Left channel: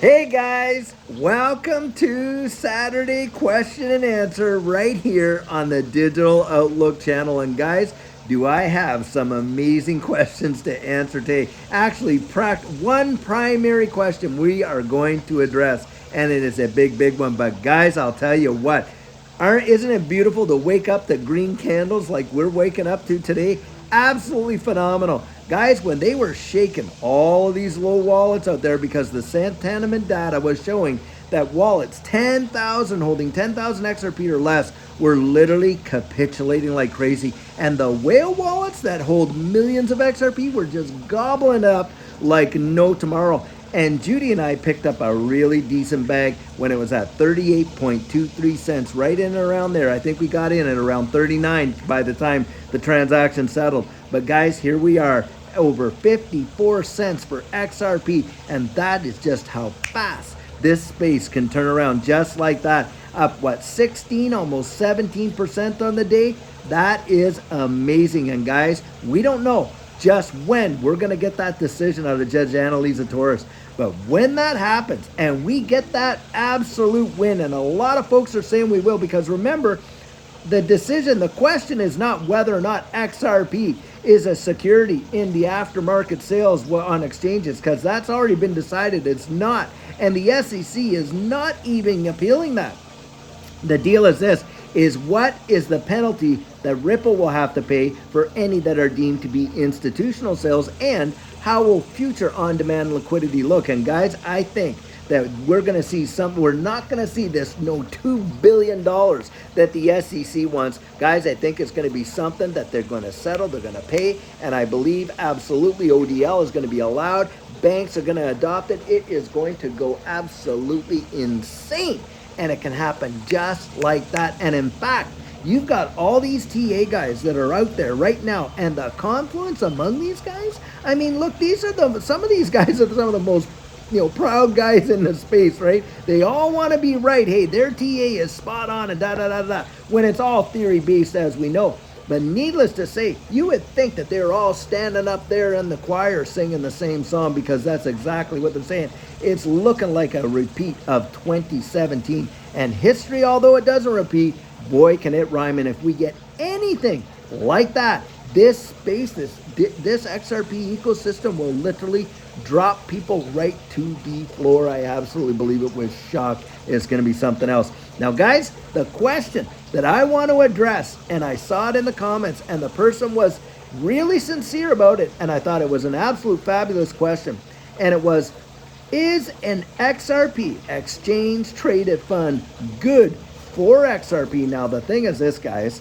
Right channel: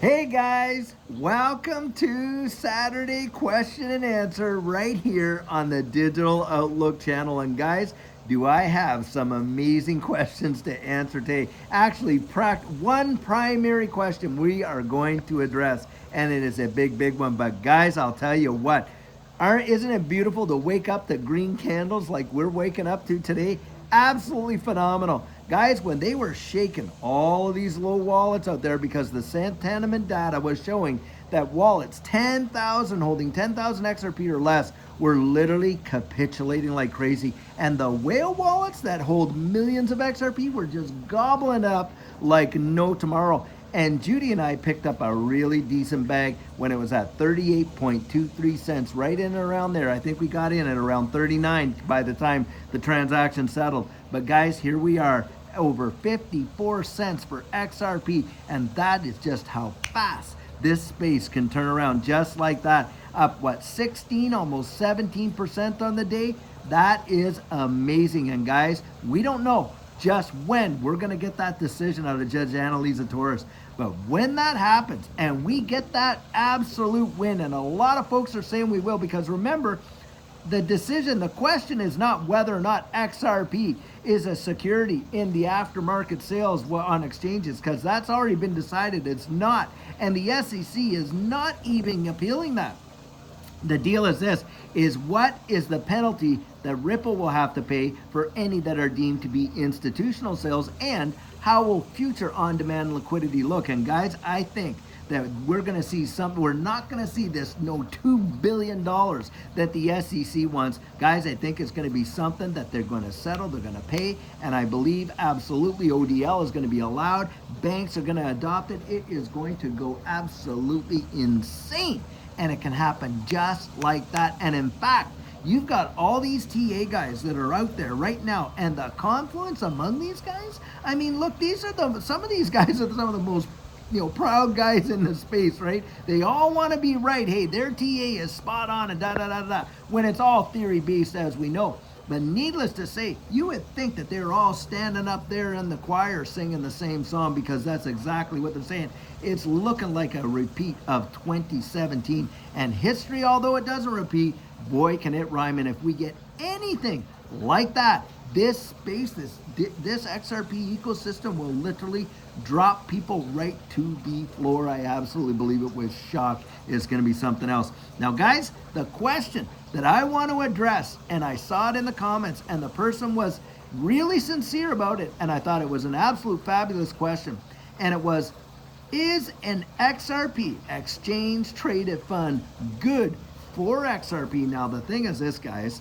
Hey guys, welcome to Saturday Question and Answer right here on the Digital Outlook channel. And guys, do I have some amazing questions to answer today? Actually, one primary question we are going to address, and it is a big one. But guys, I'll tell you what, isn't it beautiful to wake up to green candles like we're waking up to today? Absolutely phenomenal. Guys, when they were shaking all of these low wallets out there because the sentiment data was showing that wallets 10,000 holding 10,000 XRP or less were literally capitulating like crazy. And the whale wallets that hold millions of XRP were just gobbling up like no tomorrow. And Judy and I picked up a really decent bag when it was at 38.23 cents, right in and around there. I think we got in at around 39 by the time the transaction settled. But guys, here we are, over 54 cents for XRP, and that is just how fast this space can turn around just like that. Up, 16, almost 17% on the day? That is amazing. And guys, we don't know just when we're going to get that decision out of Judge Annalisa Torres. But when that happens and we get that absolute win, and a lot of folks are saying we will, because remember, the question is not whether or not XRP is a security in the aftermarket sales on exchanges, because that's already been decided it's not. And the SEC is not even appealing that. The deal is this, is what is the penalty that Ripple will have to pay for any that are deemed to be institutional sales, and how will future on-demand liquidity look? And guys, I think that we're going to see something. We're not going to see this $2 billion that the SEC wants. Guys, I think it's going to be something that they're going to settle, they're going to pay, and I believe absolutely ODL is going to be allowed. Banks are going to adopt it. It is going to go absolutely insane. And it can happen just like that. And in fact, you've got all these TA guys that are out there right now, and the confluence among these guys. I mean, look, some of these guys are some of the most proud guys in the space, right? They all want to be right. Hey, their TA is spot on and da da da da. When it's all theory based, as we know. But needless to say, you would think that they're all standing up there in the choir singing the same song, because that's exactly what they're saying. It's looking like a repeat of 2017. And history, although it doesn't repeat, boy, can it rhyme. And if we get anything like that, this space, this XRP ecosystem will literally drop people right to the floor. I absolutely believe it. With shock, it's going to be something else. Now, guys, the question that I want to address, and I saw it in the comments, and the person was really sincere about it, and I thought it was an absolute fabulous question, and it was, is an XRP, exchange traded fund, good for XRP? Now, the thing is this, guys,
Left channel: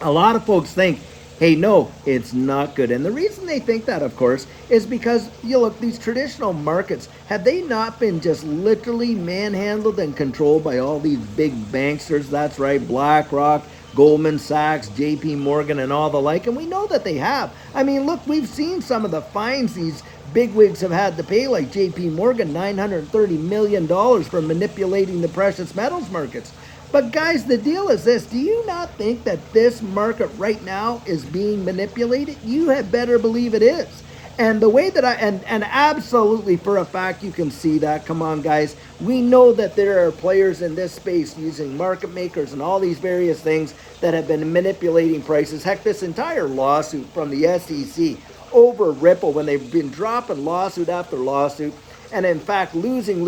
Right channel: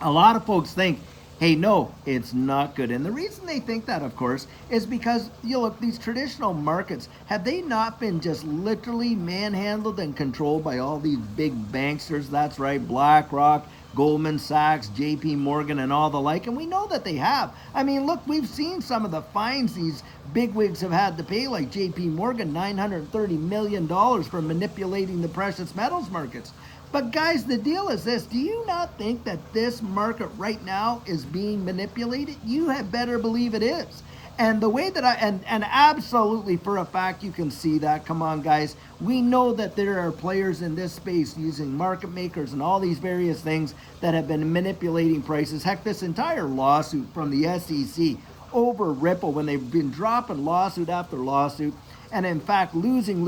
a lot of folks think, hey, no, it's not good. And the reason they think that, of course, is because, you look, these traditional markets, have they not been just literally manhandled and controlled by all these big banksters? That's right, BlackRock, Goldman Sachs, JP Morgan, and all the like. And we know that they have. I mean, look, we've seen some of the fines these bigwigs have had to pay, like JP Morgan, $930 million for manipulating the precious metals markets. But guys, the deal is this. Do you not think that this market right now is being manipulated? You had better believe it is. And the way that and absolutely for a fact you can see that. Come on, guys. We know that there are players in this space using market makers and all these various things that have been manipulating prices. Heck, this entire lawsuit from the SEC over Ripple, when they've been dropping lawsuit after lawsuit, and in fact losing,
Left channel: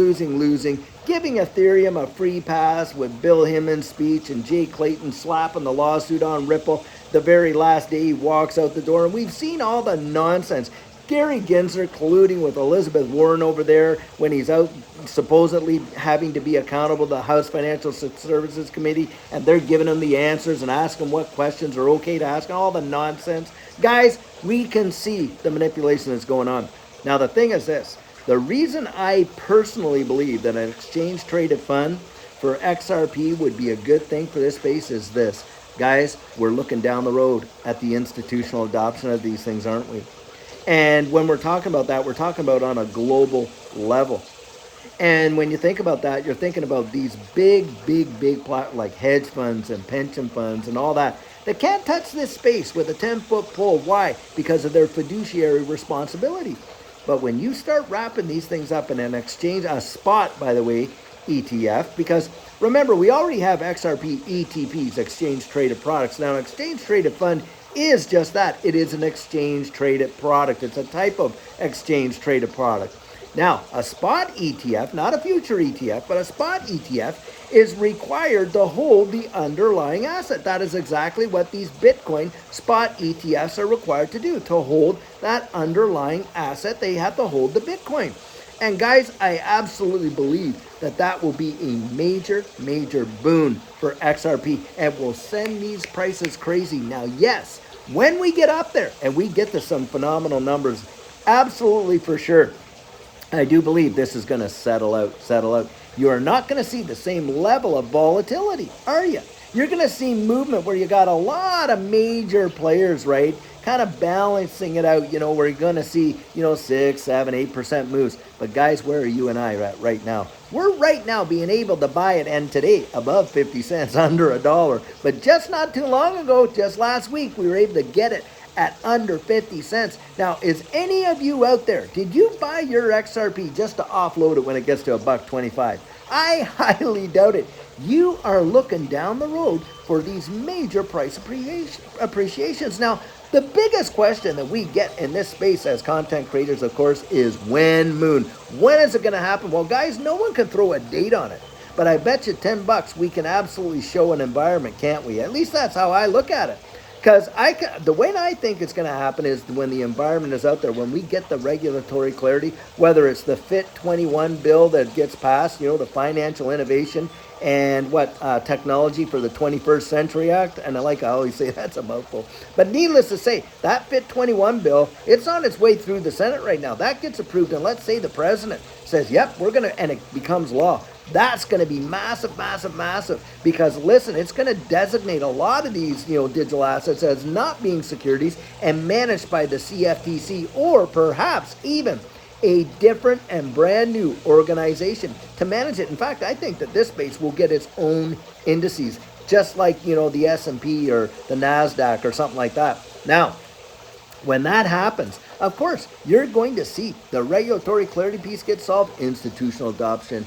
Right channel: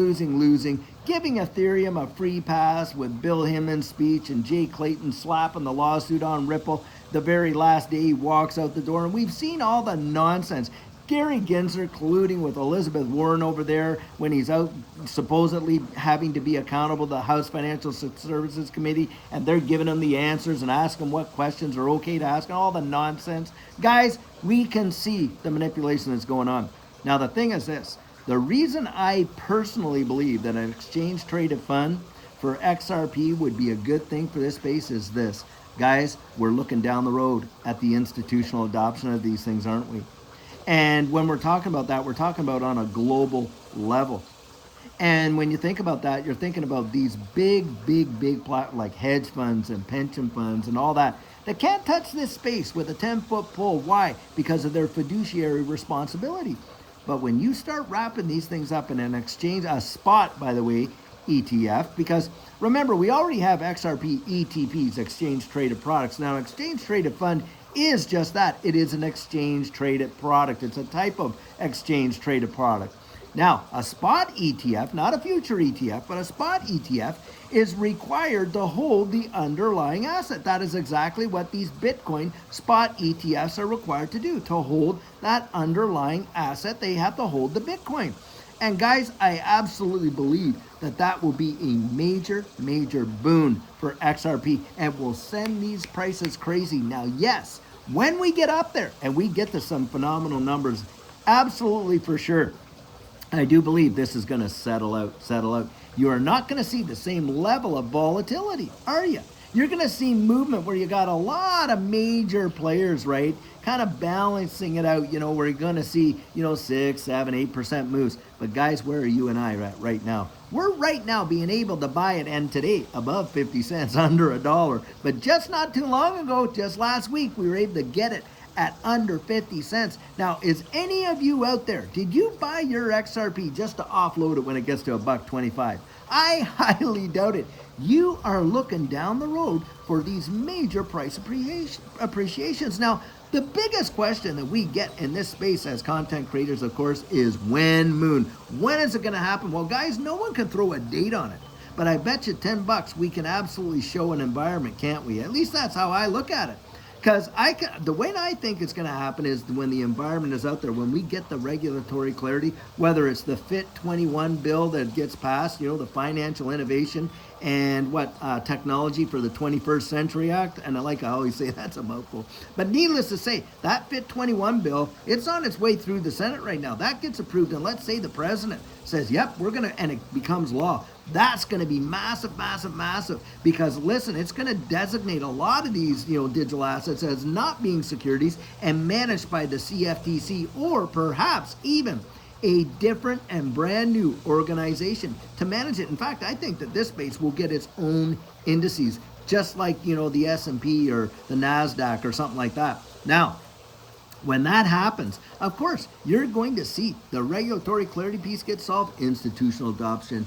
giving Ethereum a free pass with Bill Himmon's speech and Jay Clayton slapping the lawsuit on Ripple the very last day he walks out the door. And we've seen all the nonsense. Gary Gensler colluding with Elizabeth Warren over there when he's out supposedly having to be accountable to the House Financial Services Committee, and they're giving him the answers and asking what questions are okay to ask, and all the nonsense. Guys, we can see the manipulation that's going on. Now, the thing is this. The reason I personally believe that an exchange traded fund for XRP would be a good thing for this space is this. Guys, we're looking down the road at the institutional adoption of these things, aren't we? And when we're talking about that, we're talking about on a global level. And when you think about that, you're thinking about these big like hedge funds and pension funds and all that. They can't touch this space with a 10-foot pole. Why? Because of their fiduciary responsibility. But when you start wrapping these things up in an exchange, a spot, by the way, ETF, because remember, we already have XRP ETPs, exchange traded products. Now, an exchange traded fund is just that. It is an exchange traded product. It's a type of exchange traded product. Now, a spot ETF, not a future ETF, but a spot ETF is required to hold the underlying asset. That is exactly what these Bitcoin spot ETFs are required to do. To hold that underlying asset, they have to hold the Bitcoin. And guys, I absolutely believe that that will be a major, major boon for XRP and will send these prices crazy. Now, yes, when we get up there and we get to some phenomenal numbers, absolutely for sure, I do believe this is going to settle out. You are not going to see the same level of volatility, are you? You're going to see movement where you got a lot of major players, right? Kind of balancing it out, where you're going to see, 6, 7, 8% moves. But guys, where are you and I at right now? We're right now being able to buy it, and today above 50 cents, under $1. But just not too long ago, just last week, we were able to get it at under 50 cents. Now, is any of you out there, did you buy your XRP just to offload it when it gets to $1.25? I highly doubt it. You are looking down the road for these major price appreciations. Now, the biggest question that we get in this space as content creators, of course, is when, Moon? When is it going to happen? Well, guys, no one can throw a date on it. But I bet you $10 we can absolutely show an environment, can't we? At least that's how I look at it. Because the way I think it's going to happen is when the environment is out there, when we get the regulatory clarity, whether it's the FIT 21 bill that gets passed, the Financial Innovation and technology for the 21st Century Act, and I always say that's a mouthful. But needless to say, that FIT 21 bill, it's on its way through the Senate right now. That gets approved, and let's say the president says, yep, we're going to, and it becomes law. That's going to be massive, massive, massive. Because listen, it's going to designate a lot of these, digital assets as not being securities and managed by the CFTC, or perhaps even a different and brand new organization to manage it. In fact, I think that this space will get its own indices, just like, the S&P or the NASDAQ or something like that. Now, when that happens, of course, you're going to see the regulatory clarity piece get solved, institutional adoption,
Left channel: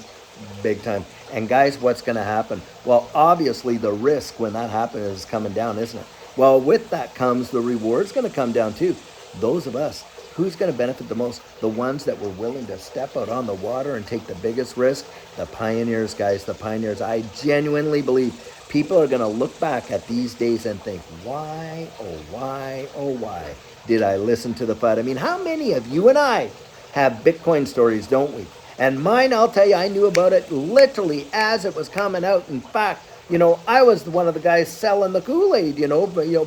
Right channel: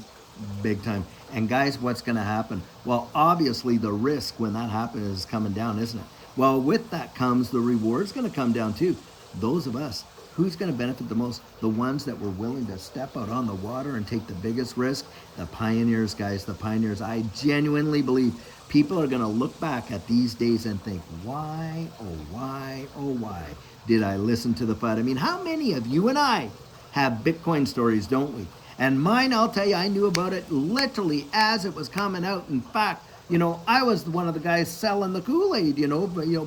big time. And guys, what's going to happen? Well, obviously the risk when that happens is coming down, isn't it? Well, with that comes the reward's going to come down too. Those of us, who's going to benefit the most? The ones that were willing to step out on the water and take the biggest risk. The pioneers, guys, the pioneers. I genuinely believe people are going to look back at these days and think, why, oh why did I listen to the FUD? I mean, how many of you and I have Bitcoin stories, don't we? And mine, I'll tell you, I knew about it literally as it was coming out. In fact, I was one of the guys selling the Kool-Aid,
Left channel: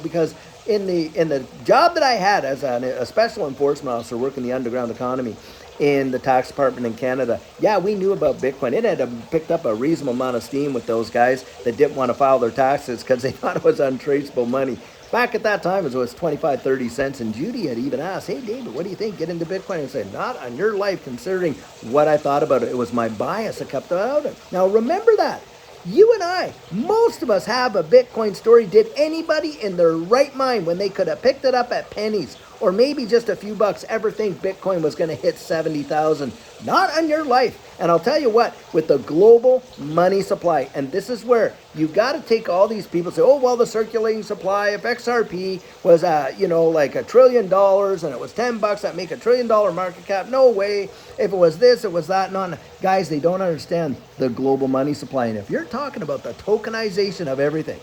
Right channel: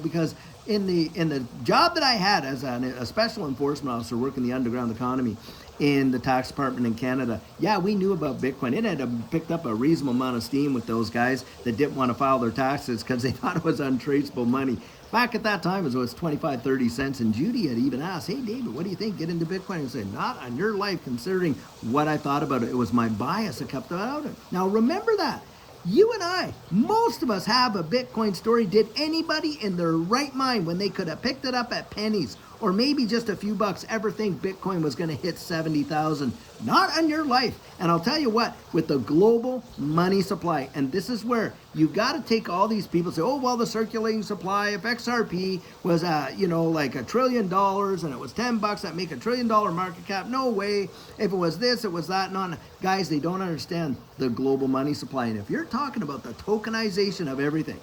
because in the job that I had as a special enforcement officer working the underground economy in the tax department in Canada, yeah, we knew about Bitcoin. It had picked up a reasonable amount of steam with those guys that didn't want to file their taxes because they thought it was untraceable money. Back at that time, it was 25, 30 cents, and Judy had even asked, hey, David, what do you think? Get into Bitcoin? And I said, not on your life, considering what I thought about it. It was my bias that kept out of it. Now, remember that. You and I, most of us have a Bitcoin story. Did anybody in their right mind, when they could have picked it up at pennies or maybe just a few bucks, ever think Bitcoin was going to hit 70,000? Not on your life. And I'll tell you what, with the global money supply, and this is where you got to take all these people say, oh, well, the circulating supply, if XRP was, like $1 trillion and it was $10, that'd make $1 trillion market cap. No way. If it was this, it was that. No. Guys, they don't understand the global money supply. And if you're talking about the tokenization of everything,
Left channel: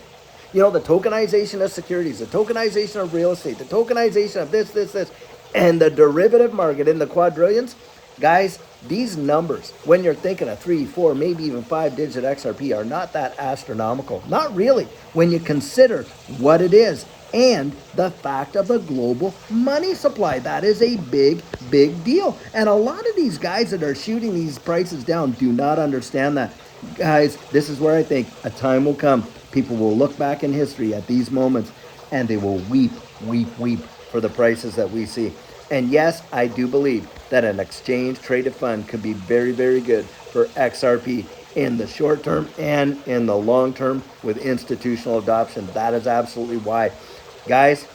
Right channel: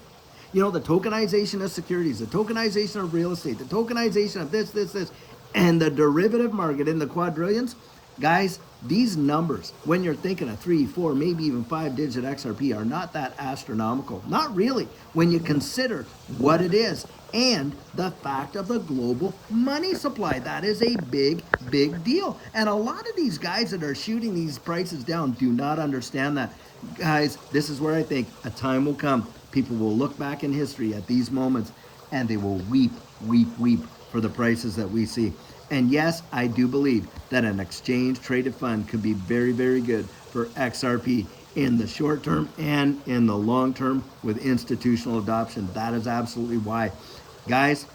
the tokenization of securities, the tokenization of real estate, the tokenization of this, and the derivative market in the quadrillions, guys, these numbers, when you're thinking of 3, 4, maybe even 5-digit XRP, are not that astronomical. Not really, when you consider what it is and the fact of the global money supply. That is a big, big deal. And a lot of these guys that are shooting these prices down do not understand that. Guys, this is where I think a time will come. People will look back in history at these moments and they will weep, weep, weep for the prices that we see. And yes, I do believe that an exchange traded fund could be very, very good for XRP in the short term and in the long term with institutional adoption. That is absolutely why. Guys,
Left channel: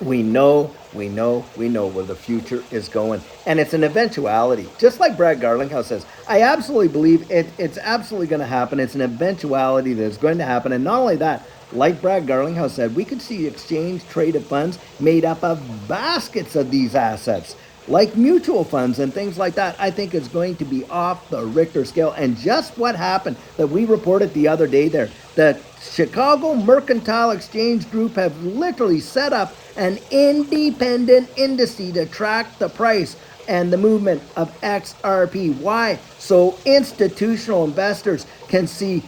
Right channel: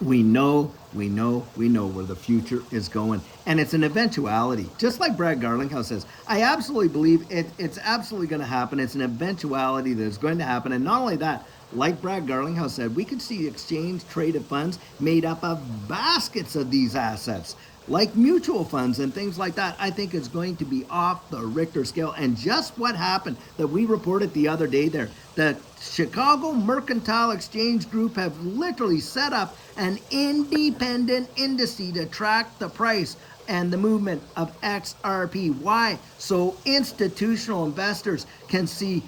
we know where the future is going. And it's an eventuality. Just like Brad Garlinghouse says, I absolutely believe it's absolutely going to happen. It's an eventuality that's going to happen. And not only that, like Brad Garlinghouse said, we could see exchange traded funds made up of baskets of these assets, like mutual funds and things like that. I think it's going to be off the Richter scale. And just what happened that we reported the other day there, the Chicago Mercantile Exchange Group have literally set up an independent index to track the price and the movement of XRP. Why? So institutional investors can see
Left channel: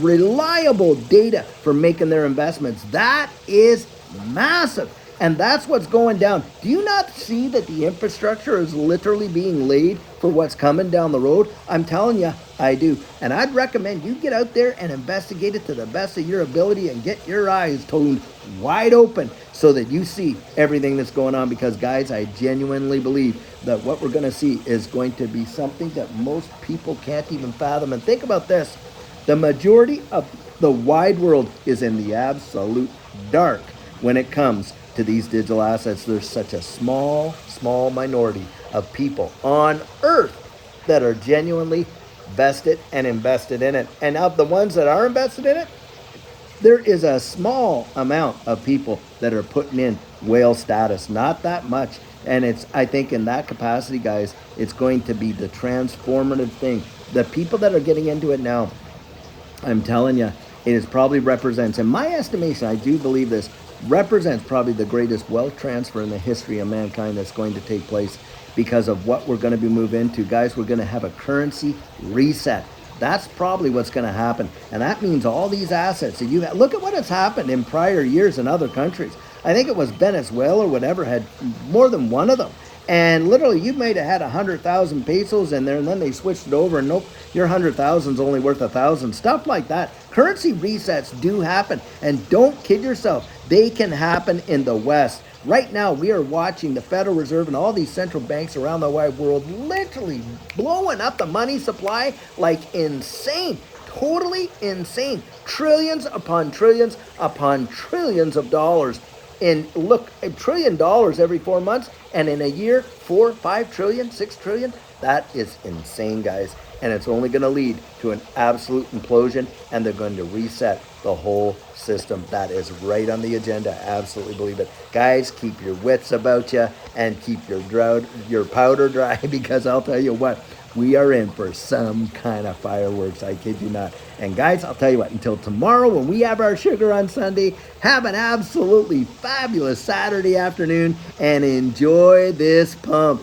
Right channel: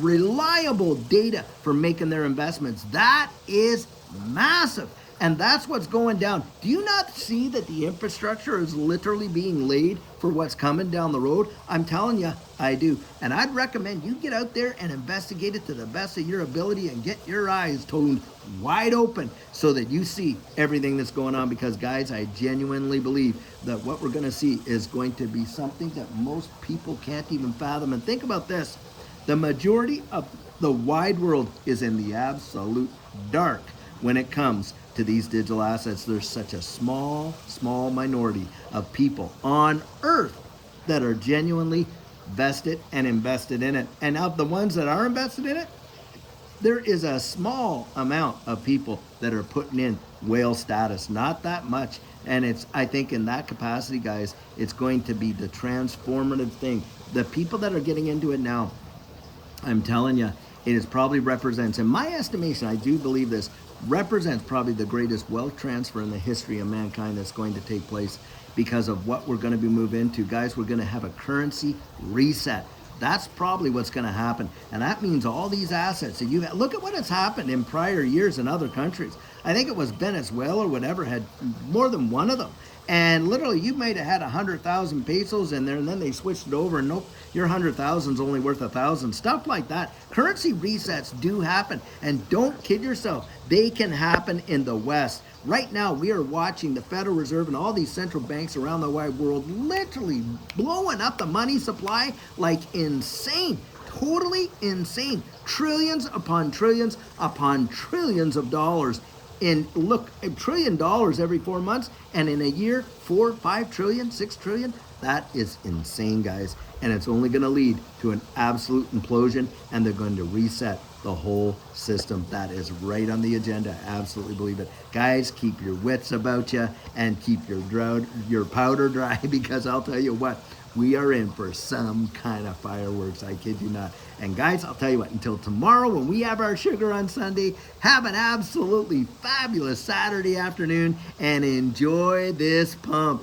reliable data for making their investments. That is massive. And that's what's going down. Do you not see that the infrastructure is literally being laid for what's coming down the road? I'm telling you, I do. And I'd recommend you get out there and investigate it to the best of your ability and get your eyes toned wide open so that you see everything that's going on. Because, guys, I genuinely believe that what we're going to see is going to be something that most people can't even fathom. And think about this. The majority of the wide world is in the absolute dark when it comes to these digital assets. There's such a small minority of people on earth that are genuinely vested and invested in it. And of the ones that are invested in it, there is a small amount of people that are putting in whale status, not that much. And it's, I think in that capacity, guys, it's going to be the transformative thing. The people that are getting into it now, I'm telling you, it is probably represents, in my estimation, I do believe this, represents probably the greatest wealth transfer in the history of mankind that's going to take place because of what we're going to be moving into. Guys, we're going to have a currency reset. That's probably what's going to happen. And that means all these assets that you have, look at what has happened in prior years in other countries. I think it was Venezuela or whatever had more than one of them. And literally, you might have had 100,000 pesos in there, and then they switched it over, and nope, your 100,000 is only worth 1,000. Stuff like that. Currency resets do happen, and don't kid yourself. They can happen in the West. Right now, we are watching the Federal Reserve and all these central banks around the wide world literally blowing up the money supply like insane. Totally insane. Trillions upon trillions upon trillions of dollars. In look, $1 trillion every 4 months, and in a year, 4, 5 trillion, 6 trillion. That is insane, guys. And it's only going to lead to an absolute implosion, and they're going to reset the whole system. That is right on the agenda. Absolutely believe it. Guys, keep your wits about you and keep your powder dry because I'll tell you what, we are in for some kind of fireworks. I kid you not. And guys, I'll tell you what, until tomorrow when we have our sugar on Sunday, have an absolutely fabulous Saturday afternoon and enjoy this pump.